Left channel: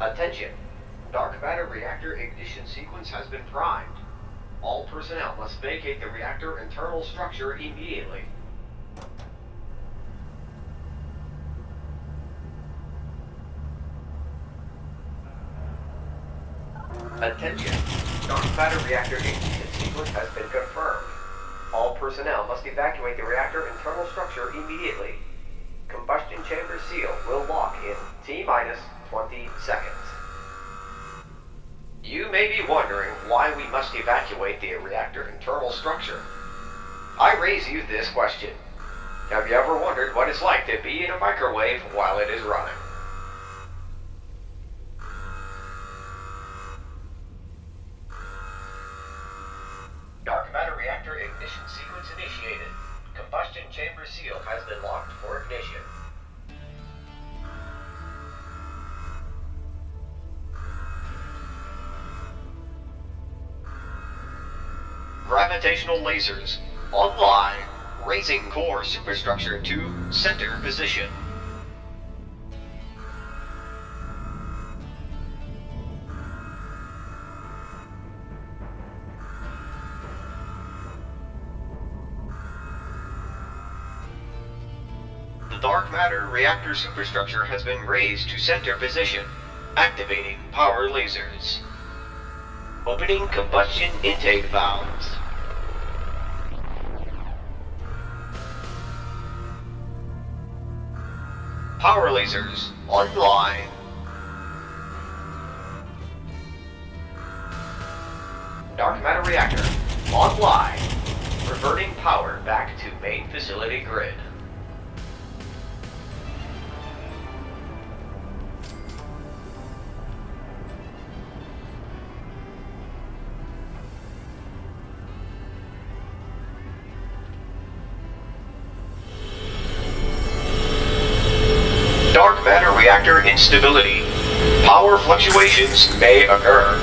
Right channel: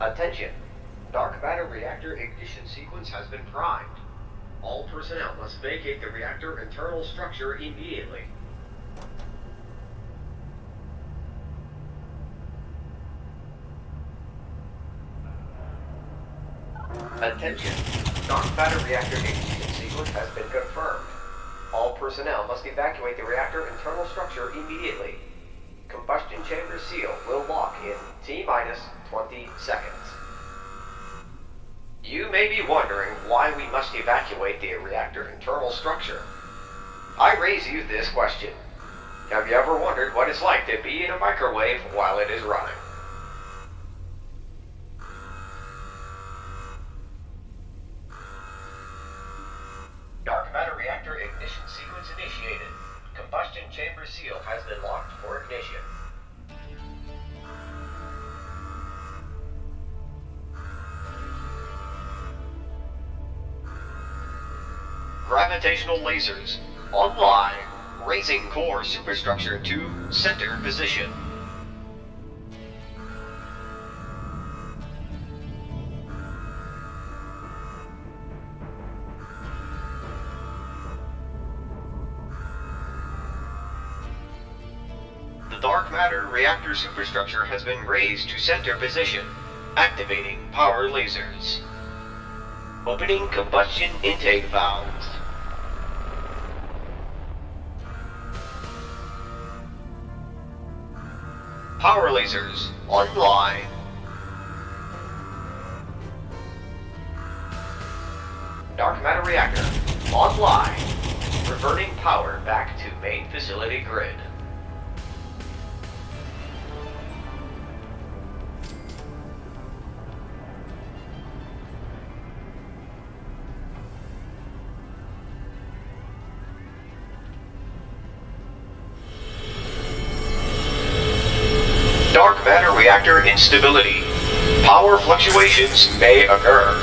Attention! Dark matter reactor ignition sequence has been primed. All personnel must vacate the reactor internal structure immediately. Attention! Dark matter reactor ignition sequence has been confirmed. All personnel must evacuate the reactor internal structure immediately. Combustion chamber seal will lock in T-minus 20 seconds. You may be wondering why we must evacuate the reactor internal structure. I raise you this question. Have you ever wondered what it's like to be in a microwave while it is running? Dark matter reactor ignition sequence initiated. Combustion chamber seal has been locked for ignition. Gravitational lasers online, raising core superstructure to center position. The dark matter reactor superstructure has been raised to center position, activating power lasers. Opening combustion intake valves. Power lasers online. Dark matter reactor online. Reverting power back to main facility grid. Dark matter reactor instability. Power fluctuations may occur.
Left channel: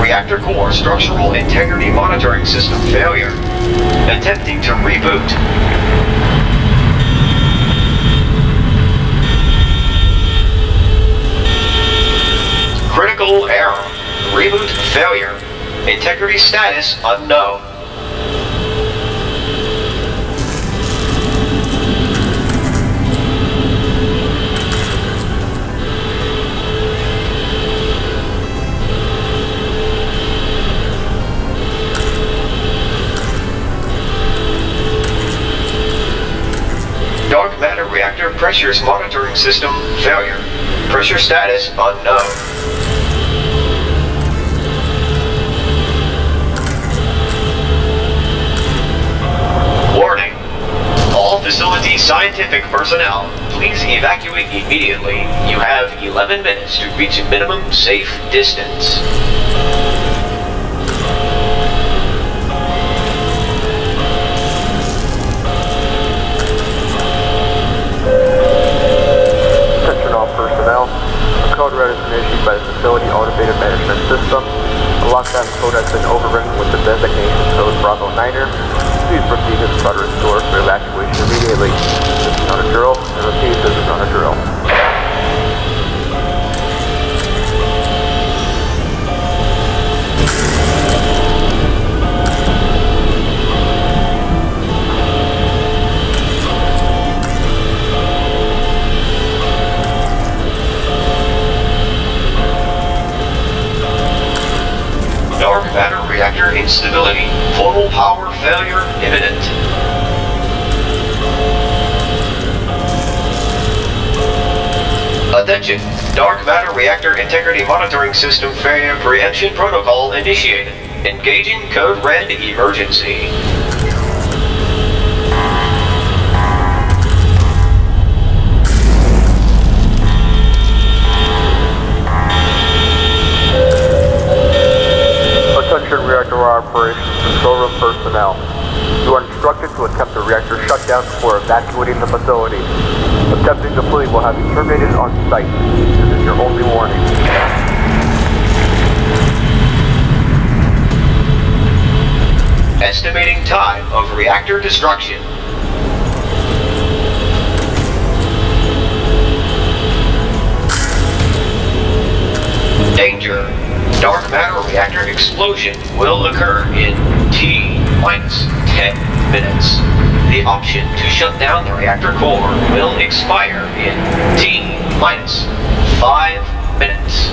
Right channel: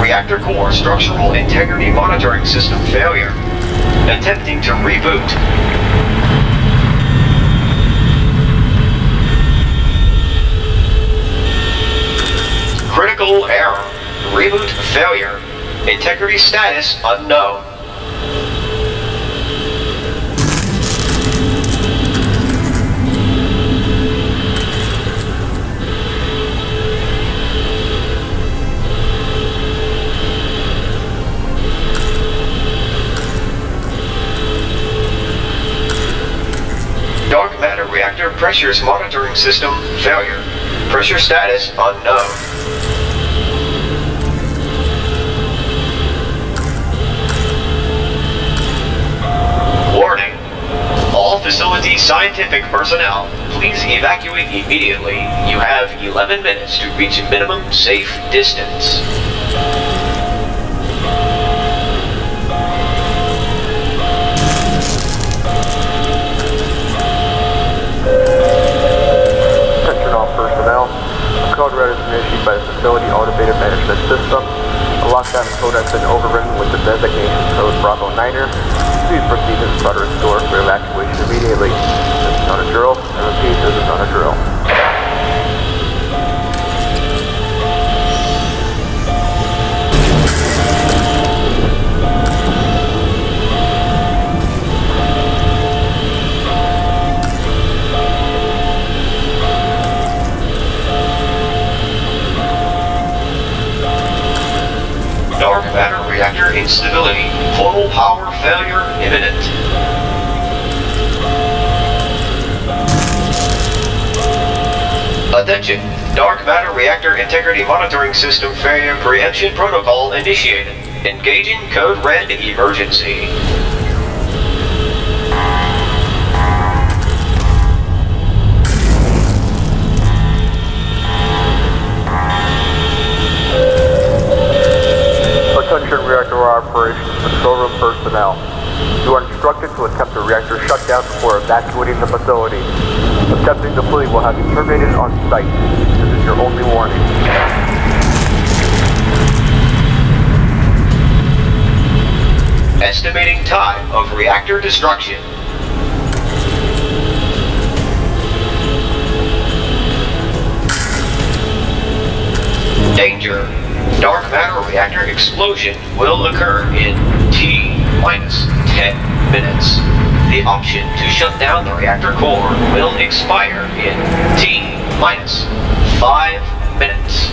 Reactor core structural integrity monitoring system failure. Attempting to reboot. Critical error. Reboot failure. Integrity status unknown. Dark matter reactor pressures monitoring system failure. Pressure status unknown. Warning. All facilities Facility scientific personnel, please evacuate immediately. You have 11 minutes to reach minimum safe distance. Attention all personnel. A code red has been issued by the Facility Automated Management System. A lockdown code has been overridden with the designation code Bravo 9er. Please proceed to the Progress door for evacuation immediately. This is not a drill. I repeat, this is not a drill. Dark matter reactor instability. Total power failure imminent. Attention! Dark matter reactor integrity monitoring system failure preemption protocol initiated. Engaging code red emergency. Attention reactor operations control room personnel. You are instructed to attempt a reactor shutdown before evacuating the facility. Attempting to flee will have you terminated on site. This is your only warning. Estimating time of reactor destruction. Danger. Dark matter reactor explosion will occur in T-minus 10 minutes. The option to shut down the reactor core will expire in T-minus 5 minutes.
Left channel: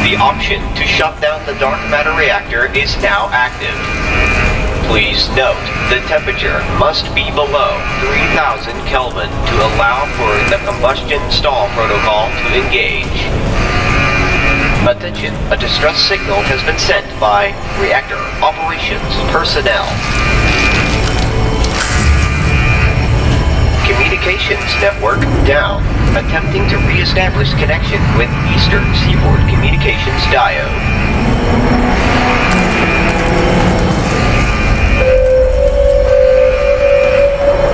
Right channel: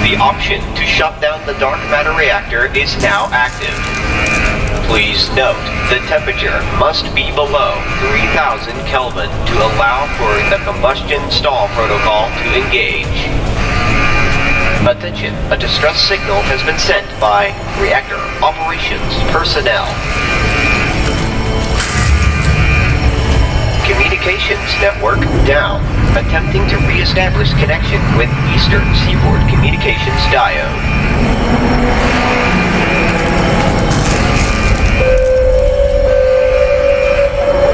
The option to shut down the dark matter reactor is now active. Please note, the temperature must be below 3000 Kelvin to allow for the combustion stall protocol to engage. Attention, a distress signal has been sent by reactor operations personnel. Communications network down. Attempting to re-establish connection with Eastern Seaboard Communications diode.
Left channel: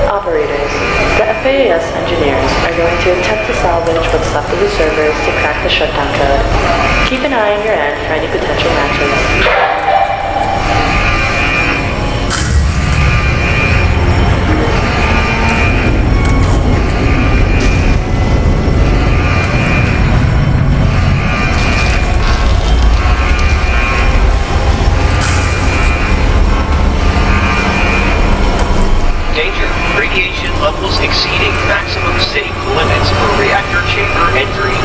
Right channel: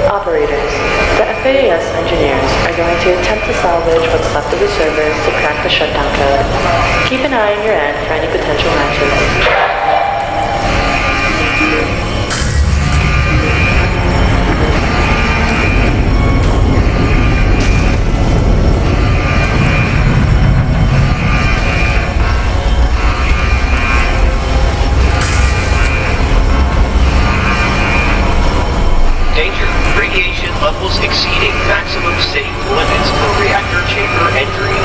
Operators, the FAAS engineers are going to attempt to salvage what's left of the servers to crack the shutdown code. Keep an eye on your end for any potential matches. Danger. Radiation levels exceeding maximum safe limits for reactor chamber entry.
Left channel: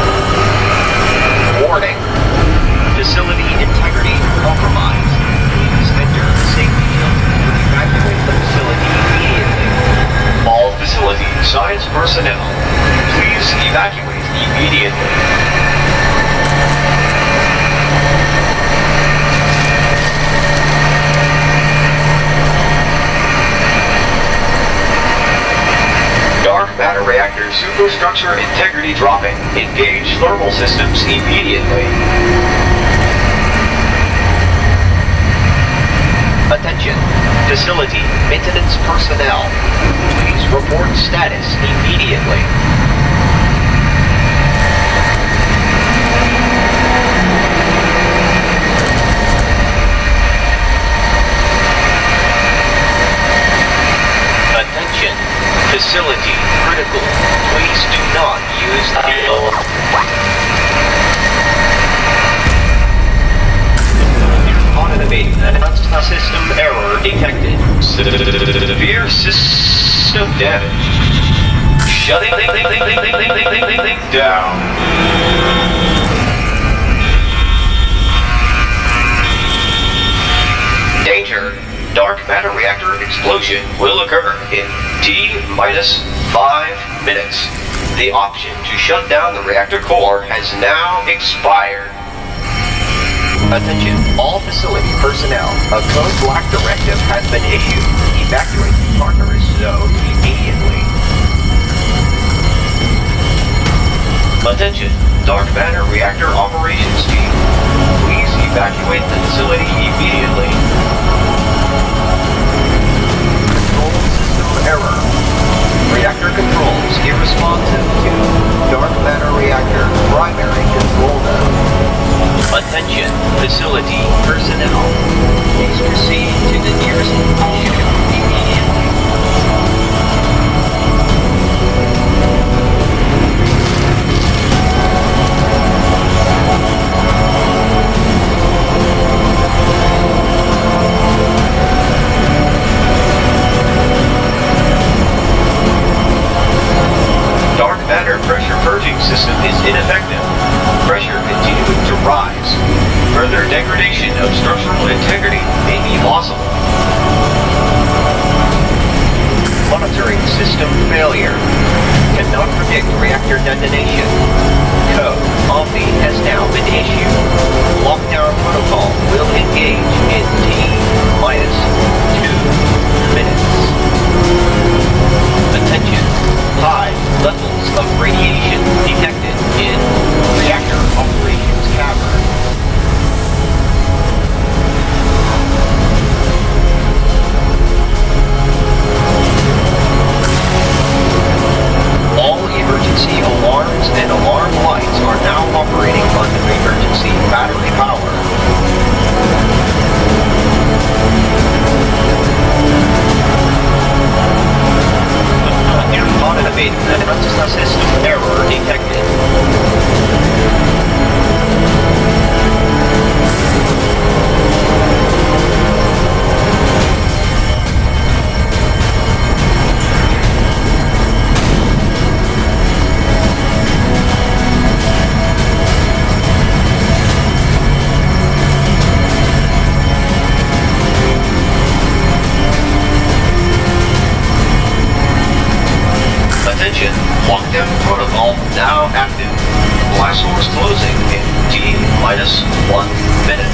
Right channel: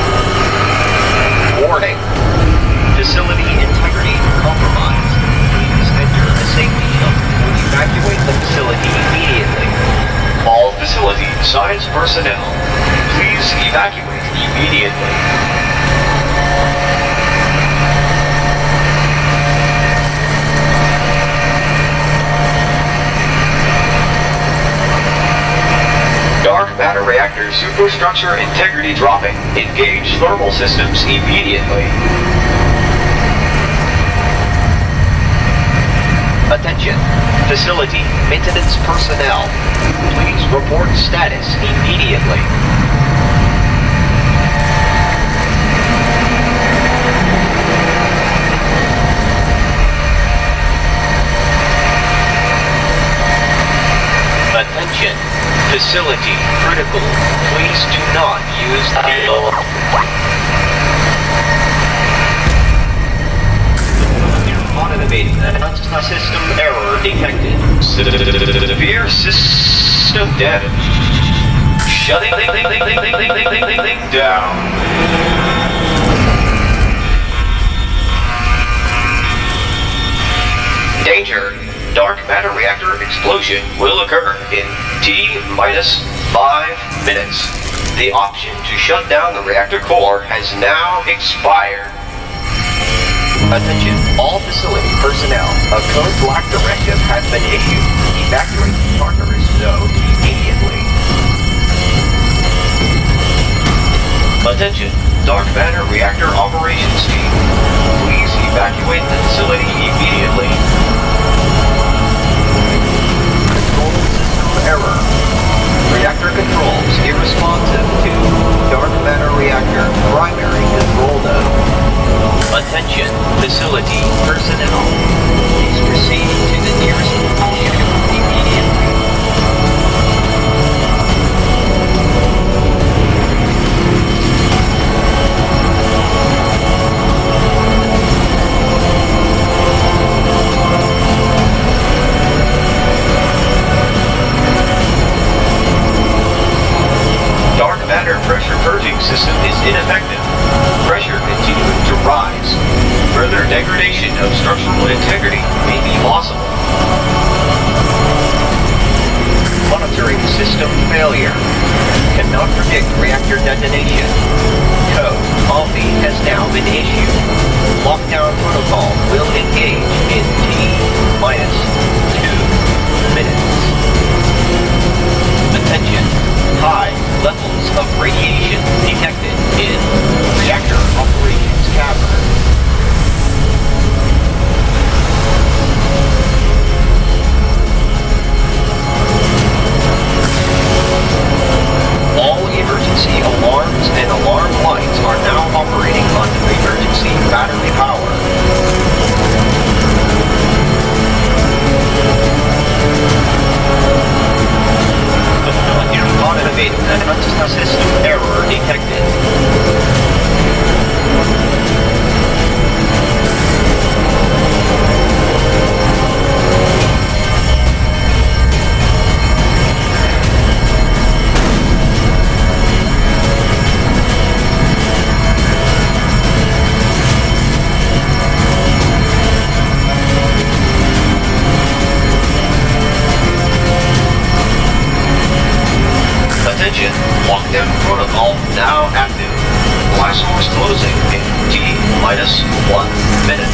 Warning. Facility integrity compromised. Please enter a safety shelter or evacuate the facility immediately. All facility science personnel, please evacuate immediately. Dark matter reactor superstructure integrity dropping. Engage thermal systems immediately. Attention. Facility maintenance personnel. Please report status immediately. Attention. Facility critical. Please do not use the automated system error detected. Severe system damage. Shutting down. Danger. Dark matter reactor explosion will occur in T-minus 5 minutes. The option to shut down the reactor core has now expired. Attention, all facility personnel. A code black directive has been issued. Evacuate the Tartarus zone immediately. Attention, dark matter reactor operations team. Please evacuate the facility immediately. Control system error. Reactor controls irresponsive to dark matter reactor primary control node. Attention, facility personnel. Please proceed to the nearest location immediately. Dark matter pressure purging system is ineffective. Pressure continuing to rise. Further degradation of structural integrity may be possible. Monitoring system failure. Cannot predict reactor detonation. Code Omni has now been issued. Lockdown protocol will engage in T-minus 2 minutes. Attention. High levels of radiation detected in reactor operations cavern. All emergency alarms and alarm lights are now operating on emergency battery power. Automated system error detected. Attention, lockdown protocol now active. Blast doors closing in T-minus 1 minute.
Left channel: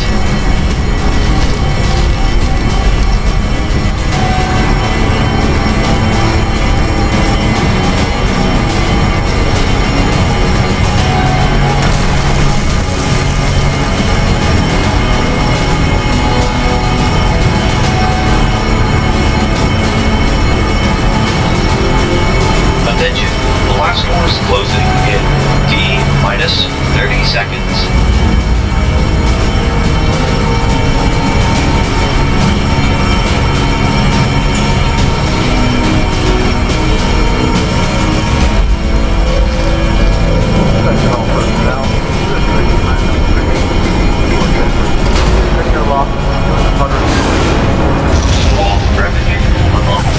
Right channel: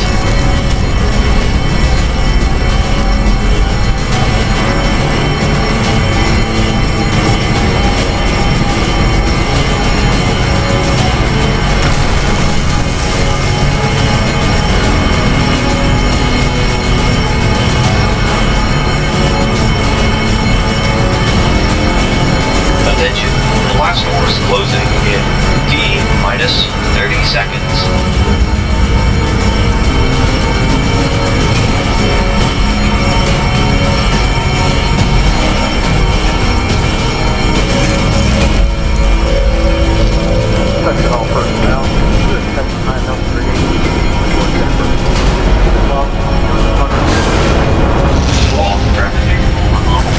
Attention, blast doors closing in T-minus 30 seconds. Attention all personnel. This is 993 report Denver. Sector lock, doing the hunter. Lock traffic unlocked.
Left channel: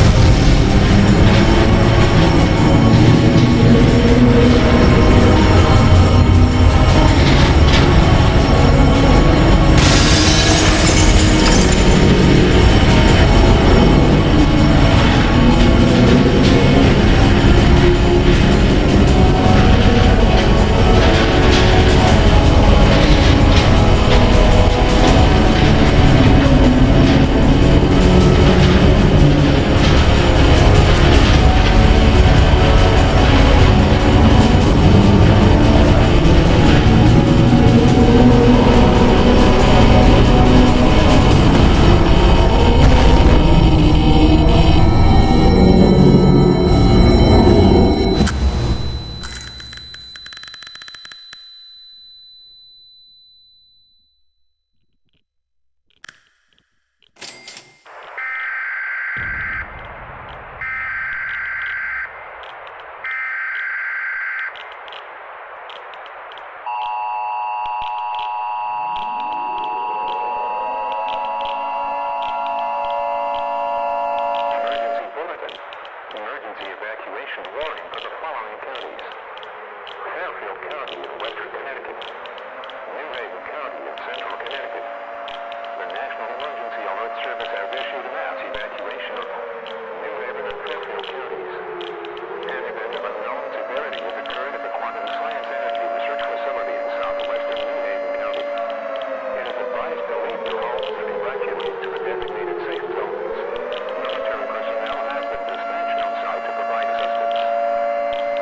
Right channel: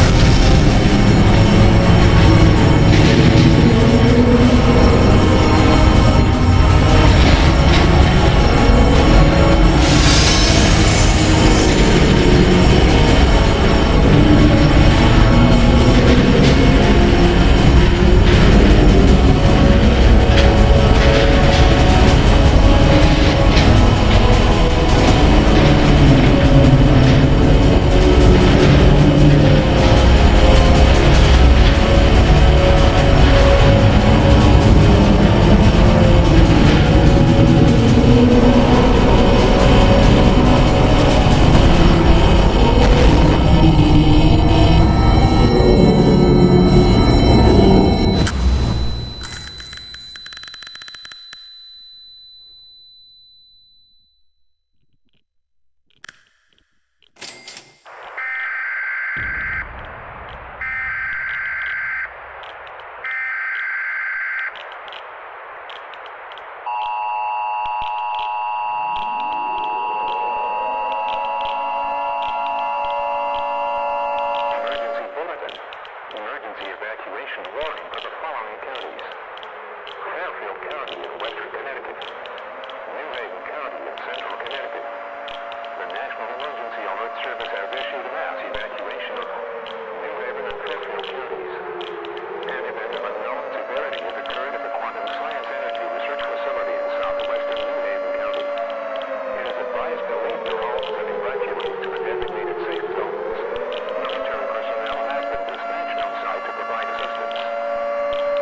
Emergency evacuation warning for the following counties: Fairfield County in western Connecticut, New Haven County in central Connecticut. The National Emergency Alert Service has issued mass evacuation of New Haven and Fairfield counties. An event of unknown severity has occurred at the Quantum Science Energy Research Facility in southwestern New Haven County. It is advised to leave your homes and evacuate to the designated safe zones. Military personnel have been dispatched on site to provide assistance.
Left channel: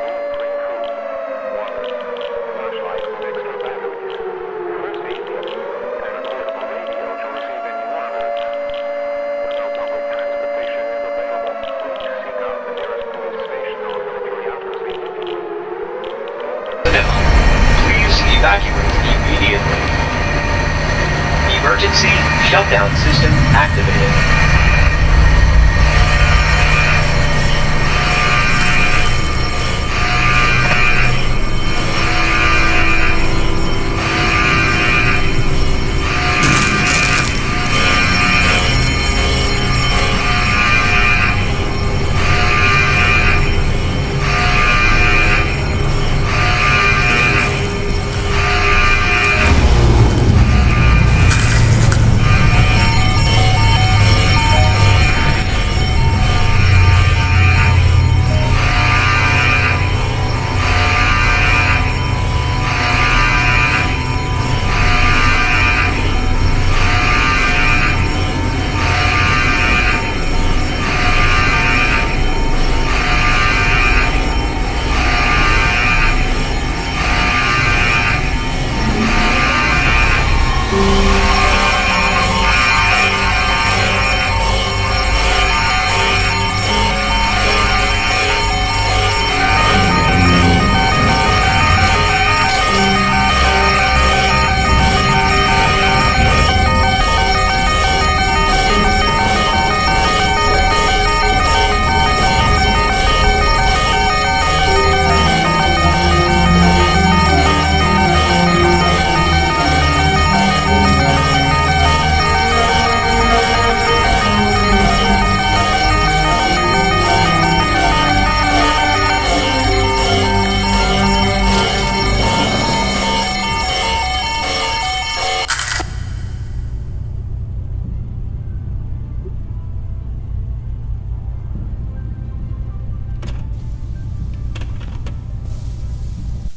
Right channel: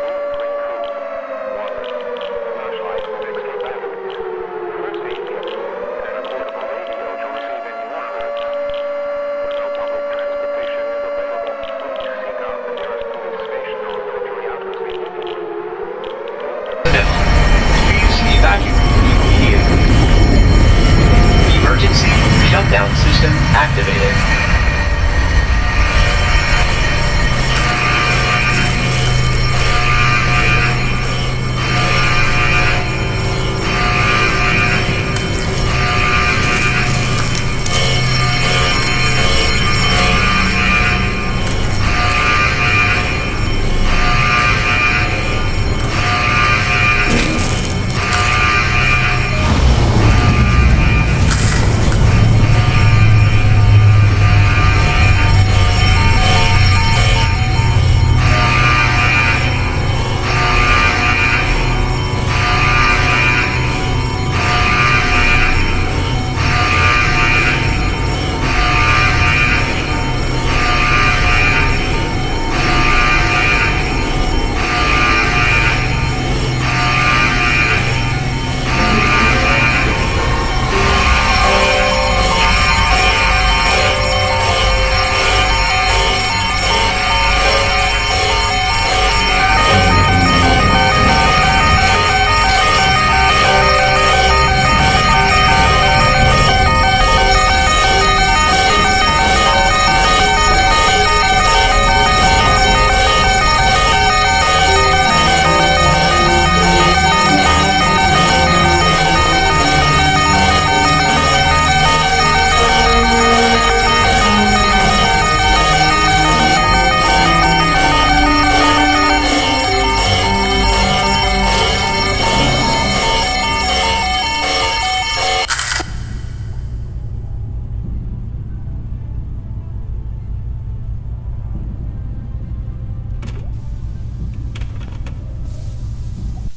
Please bring food, water, Emergency shutdown system activated.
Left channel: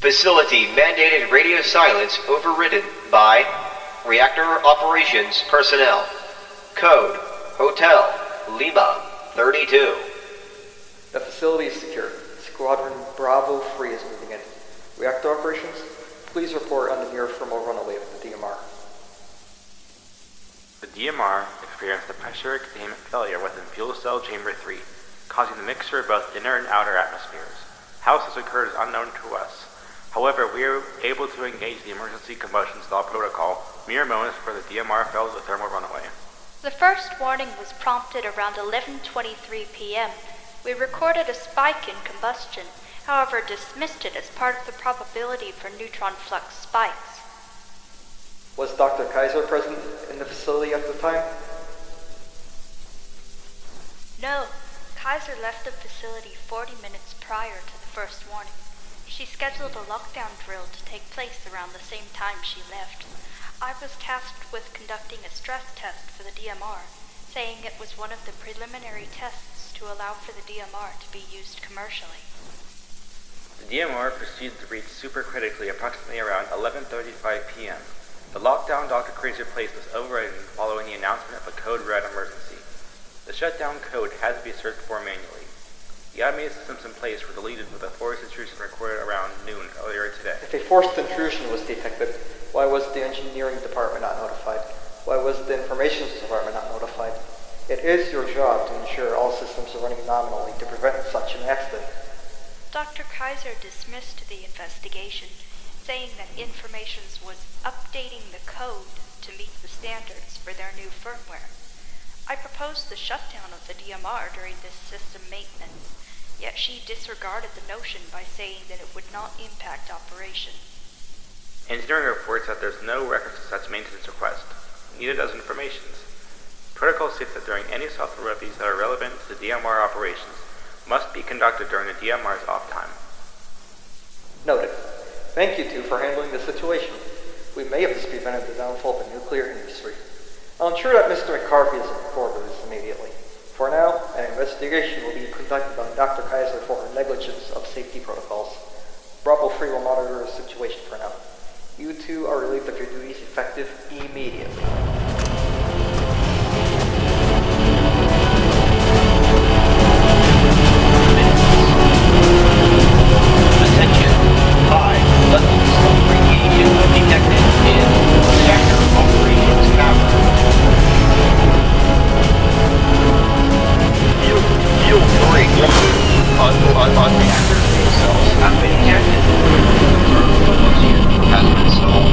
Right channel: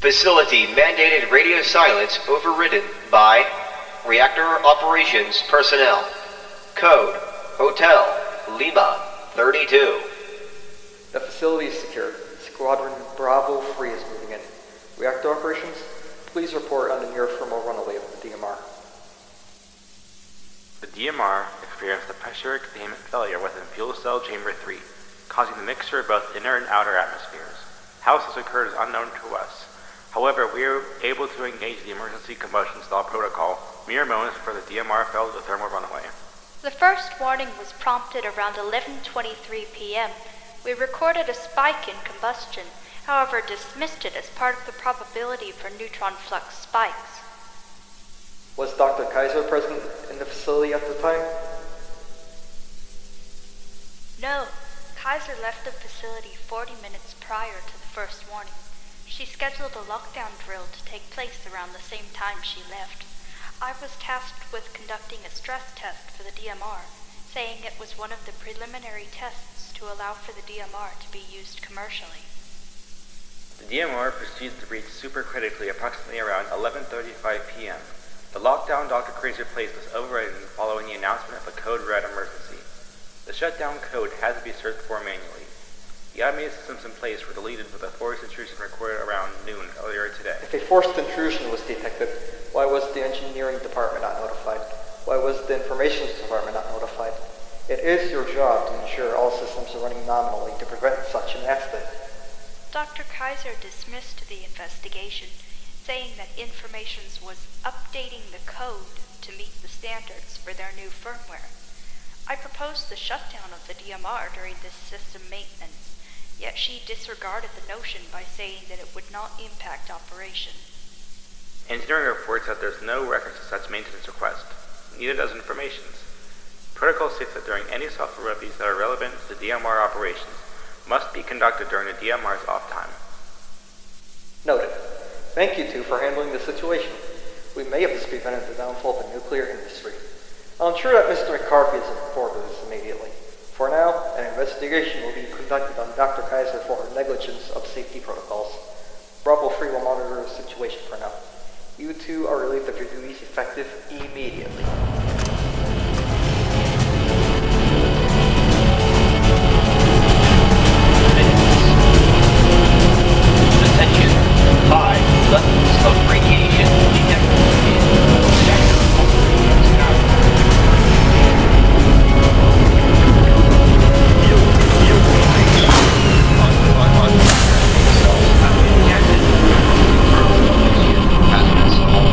Facility mandated radio silence overridden by reactor operations personnel. Code Hotel Lima 32. The facility is secure. Squadron Bravo 3 is moving in. Reactor operations, please report on the near thermal runaway of the DMR. The DMR experienced a pressure containment failure within fuel cell chamber 3, causing the mixture of both inner and outer atmospheres. How this occurred is unknown to us. However, we were able to engage the emergency combustion stall protocol mere moments before the DMR fell to the thermal runaway. The first warning was prompted around 11:23 p.m. We recorded a spike in combustion, however dismissed it as part of the probability for neutron flux spikes. Was Dr. Kaiser present in the facility at the time? No, Kaiser left the facility 40 minutes prior to the first warning. She scheduled a lockdown drill to take place around the same time she left. I was tasked with conducting a stress test for the DMR, saying it was one of the preliminary tests to allow for the DMR to be used commercially. The DMR proceeded to reach supercritically approximately around 11:35 p.m. The lockdown Dr. Kaiser placed was overridden following the announcement of a code red emergency. The shutdown code had to be searched for manually. The automated systems in place were deleted with a forced intrusion recorded around noon earlier today. If a forced intrusion was detected, why was the engineering department not notified? Why was the information department not notified? It is your job to ensure all systems are running nominally to prevent such an accident. Dr. Kaiser dismissed the investigation, saying that Informations was updating the code to meet the standards for their new firmware. I proposed the shutdown of the DMR during this system maintenance, yet she disregarded the notion by saying that it would not impact operation. Engineering reports that there's no reference to such maintenance request. Neither does Informations. Protocol states that during any software reviews that are relevant to DMR operations must be conducted during the DMR's off time. Noted. Thank you two for handling the situation. We may have just prevented the downfall of the nuclear industry. I'll ensure that Mr. McCarthy is informed of this immediately. For now, an investigation will be conducted on Dr. Kaiser for her negligence of safety protocols. Bravo 3 will monitor the situation for now. You two are relieved of your duties effective immediately. Attention. High levels of radiation detected in reactor operations tower. Field break. On reactor main cells have been ejected. Confirmed Associate has been installed.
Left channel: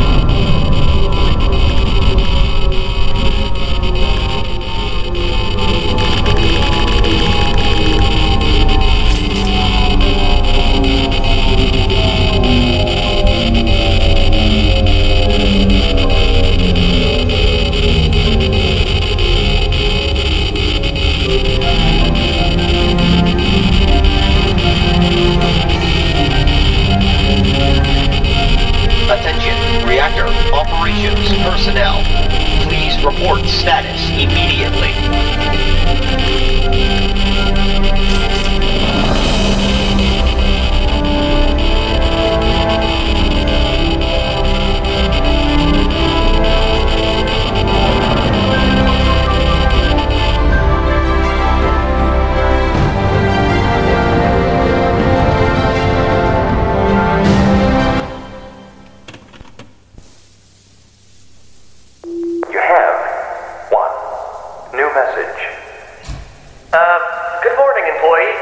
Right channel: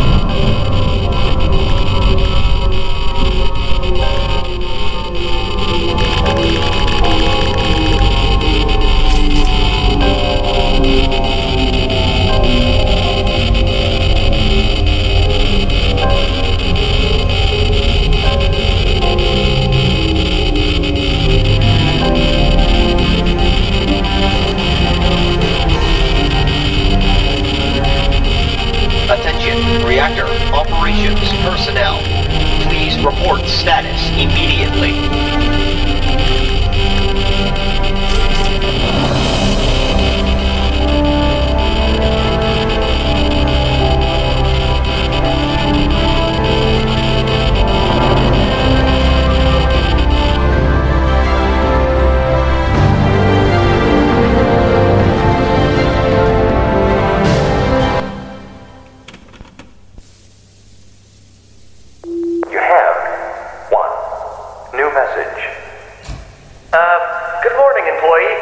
morning, employee.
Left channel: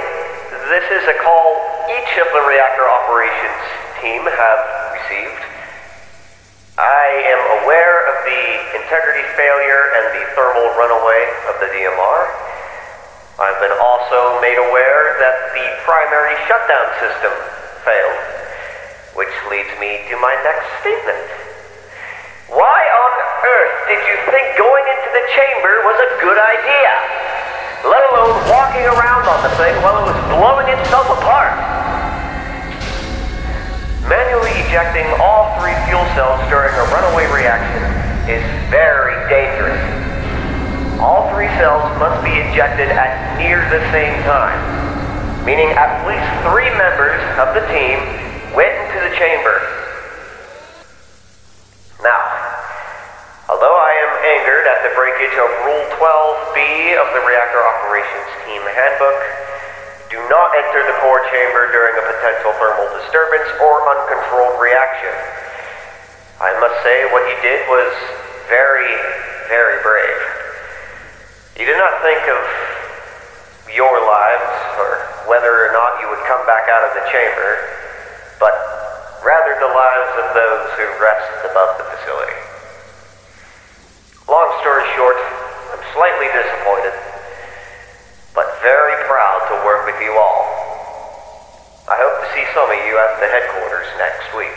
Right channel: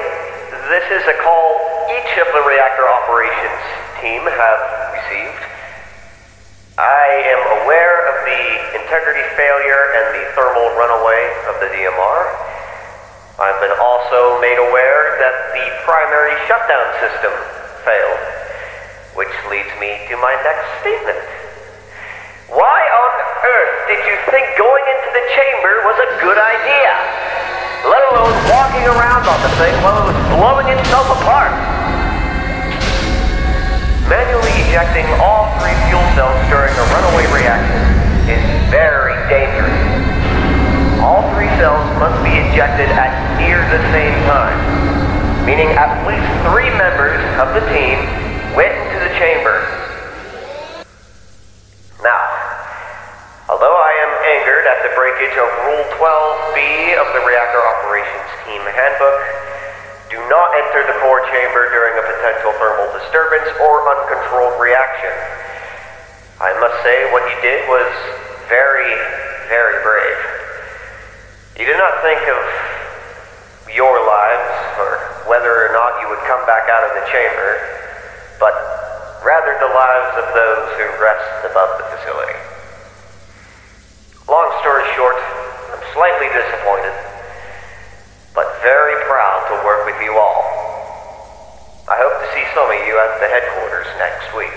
This is a call each of the reactor operations team have received. I am aware of the integrity failure and the thermal runaway of the DMR. I've been also made aware that the primary shutdown system failed, which leads me to my next statement. Why on earth did you think going into the chamber was a good idea? Let alone walking around on the thing while it was blowing itself apart. Manually ejecting all 3 fuel cells during a runaway reaction is very dangerous. All 3 cells must be ejected at near the same time, meaning at least 3 members of the team went into the chamber. Now, although I am angered at the breakage of Rule 12B of the Reactor Operations Team Handbook, do not enter the core chamber during a potential thermal disturbance or uncontrolled reaction. I must say what you did was very, very brave. You did not think of your lives or whether or not you would come back out of the chamber, but rather the lives of those who rest above the facility. Long story short, I'm slightly disappointed, but very proud to work with you all. I hope to see some of you at the headquarters next week.